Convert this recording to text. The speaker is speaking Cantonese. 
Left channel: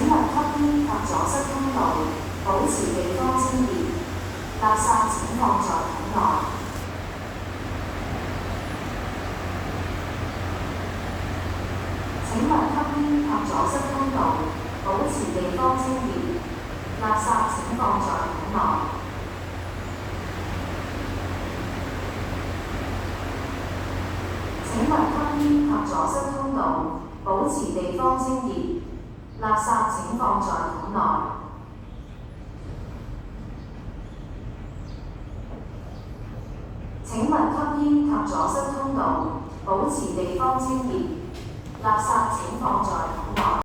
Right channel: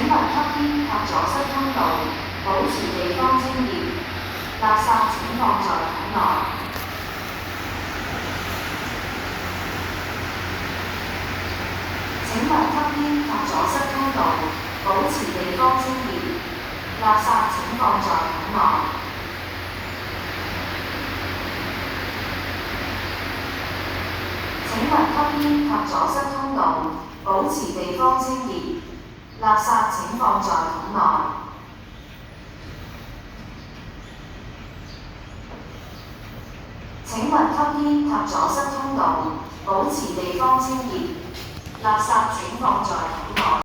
請勿吸煙及阻塞通道，保持地方清潔。垃圾請放在桶內。請勿吸煙及阻塞通道，保持地方清潔。垃圾請放在桶內。請勿吸煙及阻塞通道，保持地方清潔。垃圾請放在桶內。請勿吸煙及阻塞通道，保持地方清潔。垃圾請放在桶內。